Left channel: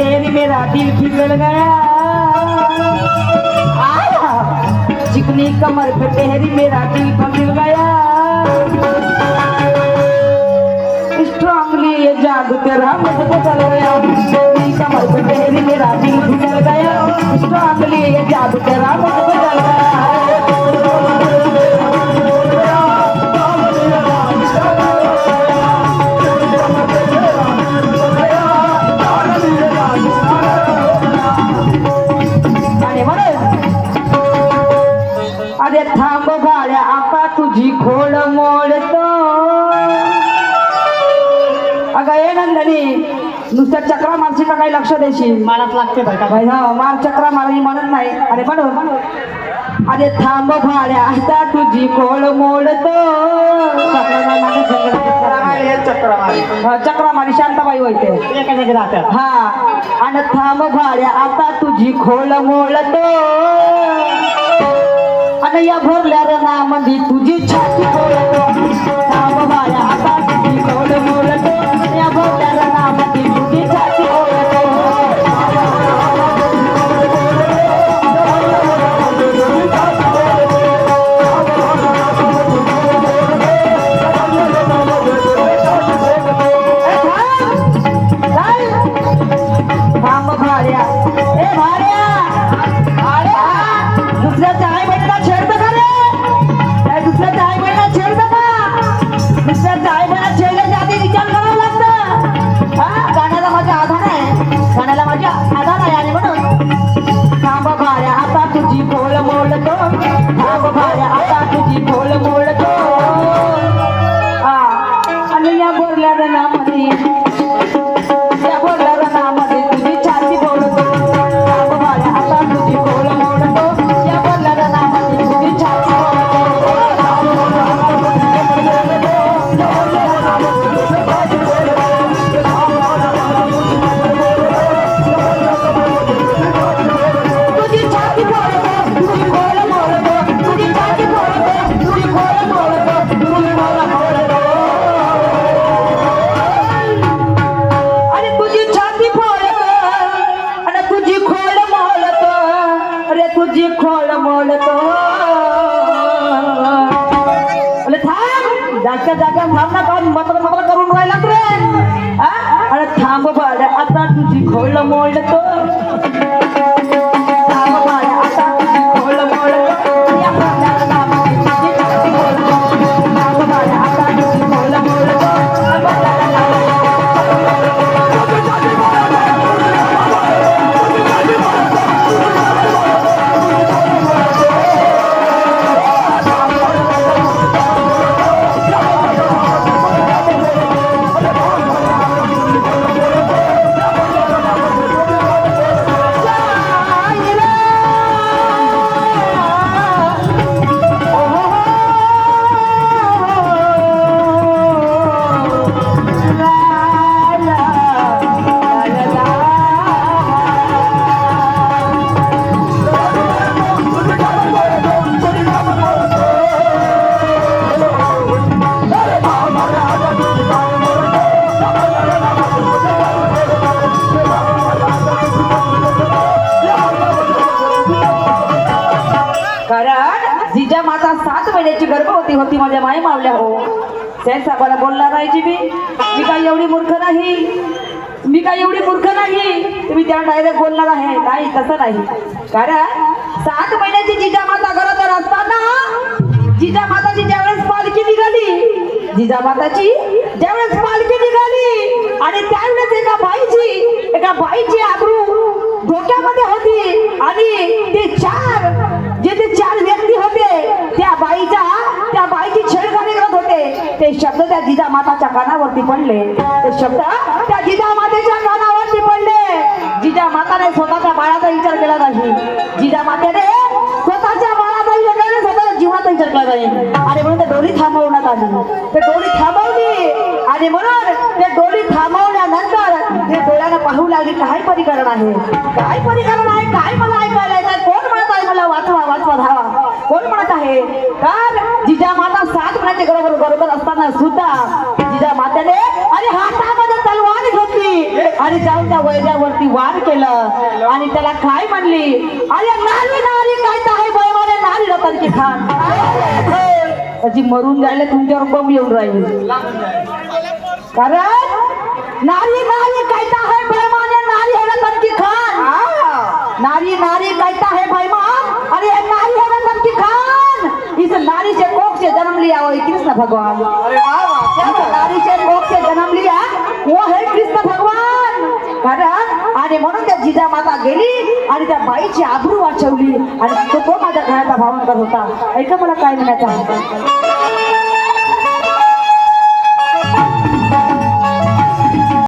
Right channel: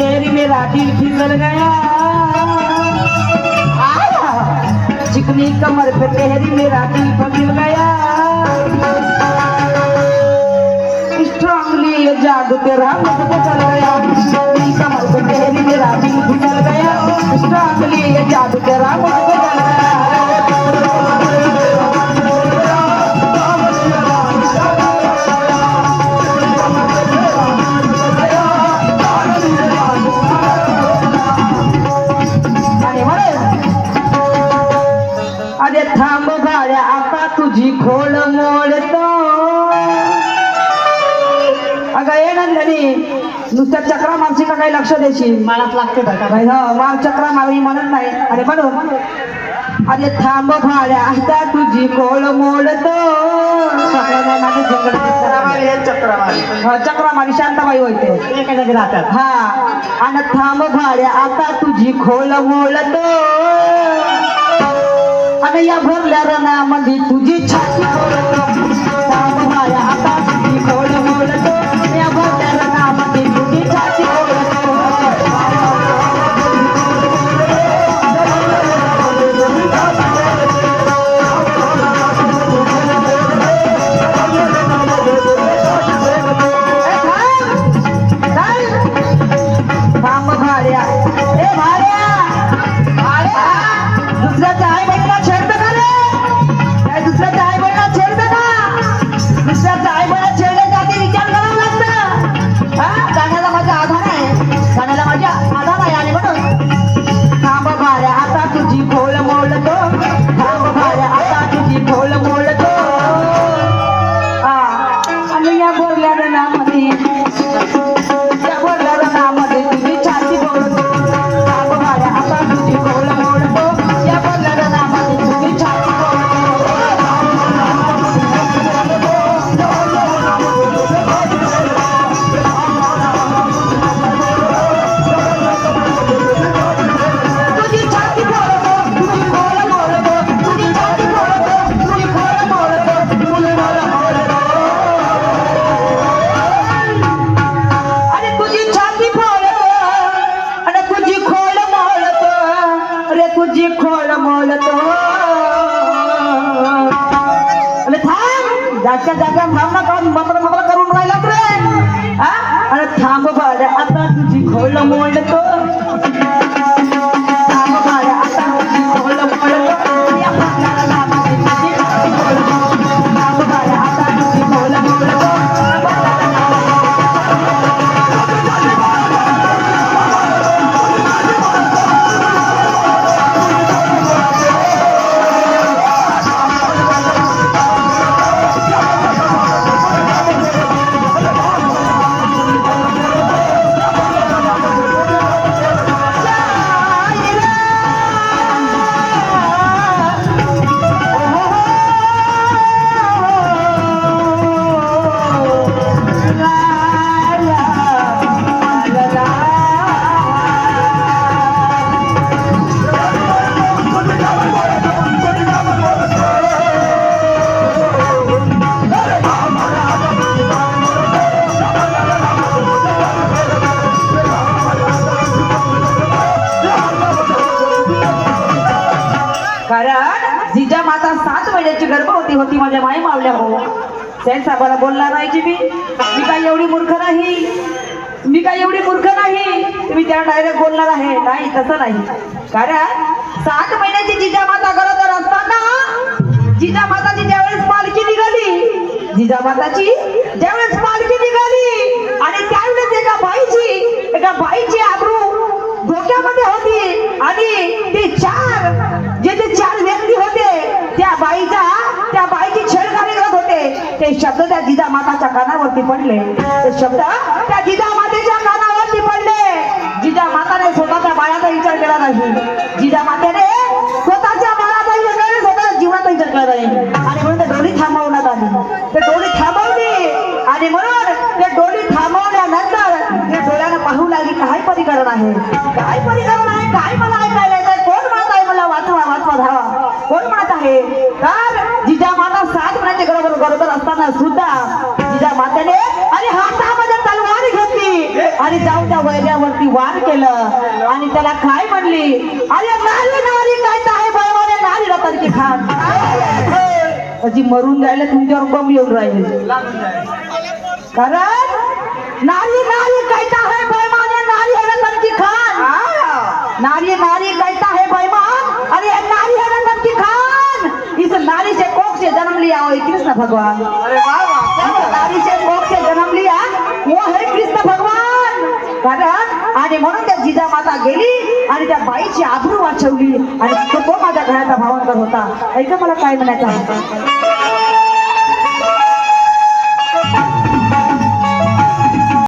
तेरी मेरा दिल फिसल गया, चिकनी कमर पे तेरी मेरा दिल फिसल गया, स्ट्रांगली ये जादू तेरा मुझे बदल गया, चिकनी कमर पे तेरी मेरा दिल फिसल गया, स्ट्रांगली ये जादू तेरा मुझे बदल गया। अरे थांब भाड्या आता तुझी खोड मोडतो, अगं ये नंदनी नुसत्या चक्रा मानसिका काही लक्ष देशील मलाच लागते बरं का. मान चक्रा मारली म्हणत नाही. अरे म्हणून अरे थांब भाड्या आता तुझी खोड मोडतो, चक्रा मारी शांताबाई होते हा. आणि थांब भाड्या आता तुझी खोड मोडतो, आणि या भरल्या रणामध्ये तुझी छाती बोलतो, थांब भाड्या आता तुझी खोड मोडतो, या भरल्या रणामध्ये तुझी छाती बोलतो. थांब भाड्या ए भाड्या भाड्या दुसऱ्याच्या आई बहिणीला छेडतं का रे? दुसऱ्याच्या आई बहिणीला छेडतं का? दुसऱ्याच्या आई बहिणीला छेडण्याच्या आधी विचार करावं लागतं. हा गाण्याला माझा आधार आहे, गाण्याला माझा आधार आहे. आणि म्हणून थांब भाड्या आता तुझी खोल मोडतो, थांब भाड्या आता तुझी खोल मोडतो, हा. आणि या बोरल्या रणामध्ये या बोरल्या रणामध्ये तुझी छाती बोलतो, थांब भाड्या आता तुझी खोल मोडतो, या बोरल्या रणामध्ये तुझी छाती तुझी छाती बोलतो, तुझी खोल मोडतो, तुझी छाती बोलतो, तुझी खोल मोडतो, तुझी खोल मोडतो. अरे तुझी छाती फोडतो आणि तुझी खोल मोडतो, अरे तुझी खोल मोडतो. अरे थांब जागच्या जागा थांब ना, काम मत्र मत्र करून राहिला रे. अरे थांब भाड्या आता तुझी खोल मोडतो, थांब भाड्या आता तुझी खोल मोडतो, या भरल्या रणामध्ये तुझी छाती बोलतो, थांब भाड्या आता तुझी खोल मोडतो, या भरल्या रणामध्ये कारण जिजा माता 7 महिन्याची गर्भवती होती माझ्या माई मावल्या हो. सेन साहेबाला बोलणार आहे जी मी काही एवढी मूर्ख नाही, मी काही एवढी मूर्ख नाही तुम्ही त्या डायरेक्ट बोलणार आहे. नाही तसं नाही. कारण 7 महिन्याची जिजा माता गरोदर असताना जिजा माताची ज्यावेळेस पालखी निघाली, जिजा माताची ज्यावेळेस पालखी निघाली आणि त्यावेळेस एका बाईची आबरू धोक्यामध्ये होती आणि ते 4 व्यक्ती होते त्या बाईची छेडखानी करत होते. ते शब्द त्या जिजा माताच्या कानावरती पडले, ते शब्द त्या जिजा मातेच्या कानावरती पडले. जिजा माताने स्वतःच्या बाळाचा विचार केला नाही, जिजा मातेने स्वतःच्या बाळाचा विचार केला नाही, स्वतःच्या जीवनाचा विचार केला नाही. आणि म्हणून ते डोली थांबवण्यात आली, ते डोली थांबवली. आणि म्हणून ते डोली थांबवल्यानंतर ते डोळ्यानं पाहू लागली काय परिकरण आहे, काय परिकरण आहे, काय मला ऐकायला येत, कोण म्हणत आहे मला वाचवा वाचवा धावा, कोण म्हणत आहे. तर जिजा माता 7 महिन्याचे गरोदर असताना सुद्धा जिजा मातेने आणि हातामध्ये तलवार घेतली आणि जाऊन त्या वैद्यावरती वार केलं आणि त्याला काय म्हणली, अरे नारी नारी काय तर आहे बैवाने नारी रतन की खान. अजी मरून जायला तुमच्यावर बम येऊन राहिली, कारण नारी नारी काय तर आहे बैमाने नारी है रतन की खान. नारी नारी कहता है बैमान, अरे नारी है रतन की खान. इस नारी से कोख से जन्म लिया वो कृष्ण भगवान. नारी से कोख से जन्म लिया वो है कृष्ण भगवान. कारण आणि म्हणून त्या जिजामाता गेली आणि त्या बाईची आबरू वाचवली आणि तो माझ्या घराचा भावंकर होता. ऐका मला काय म्हणायचं आहे.